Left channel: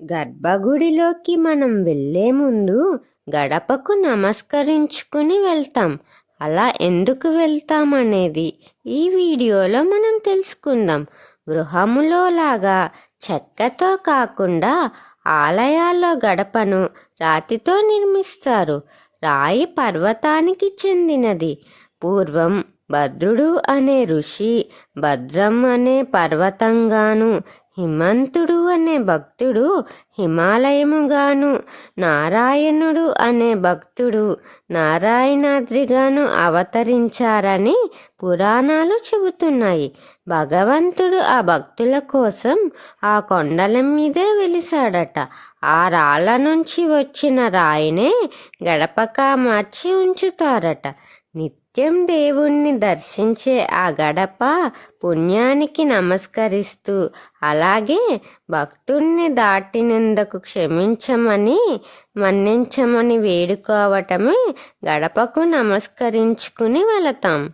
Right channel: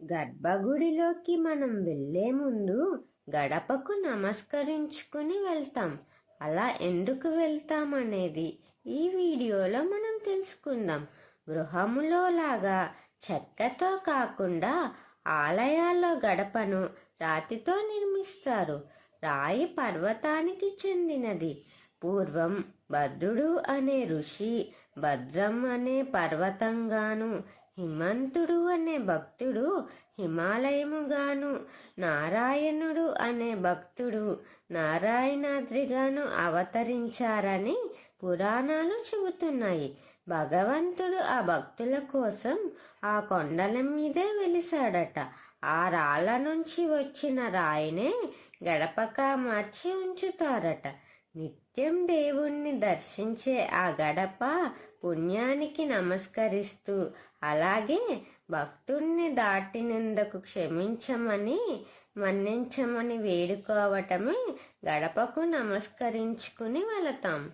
గర్భగుడిలోకి మనం వెళ్ళే ముందు గడపకు నమస్కరించుకుని వెళ్తాం. అలా ఎందుకు వెళ్తాం అనేది ఈ వీడియోలో మనం తెలుసుకుందాం. గృహములో లాగా చెక్కతో కాకుండా ఆలయాల్లో గడపను రాతితో నిర్మిస్తారు. రాయి పర్వతానికి చెందినది. పూర్వం భద్రుడు అనే ఋషి భద్రం అనే పర్వతంగాను, హిమంతుడు అనే భక్తుడు హిమాలయముగాను, నారాయణుడు అనే భక్తుడు నారాయణాద్రిగాను అవతరించారని పురాణాలు చెబుతున్నాయి. భగవంతుడు ఆ భక్తుల కోసం ఆ కొండల మీదే వెలిశాడట. ఆ రాళ్ళ నుంచి వచ్చిన రాయినే గడపగా మార్చి ఉంచుతారట. నిత్యం దేవుణ్ణి దర్శించే ఆ గడప పుణ్యానికి నమస్కరిస్తూ, అలాగే భక్తుణ్ణి దాటినందుకు క్షమించమని, మన్నించమని వేడుకోవటమే గడపకు నమస్కరించుకుని వెళతాం.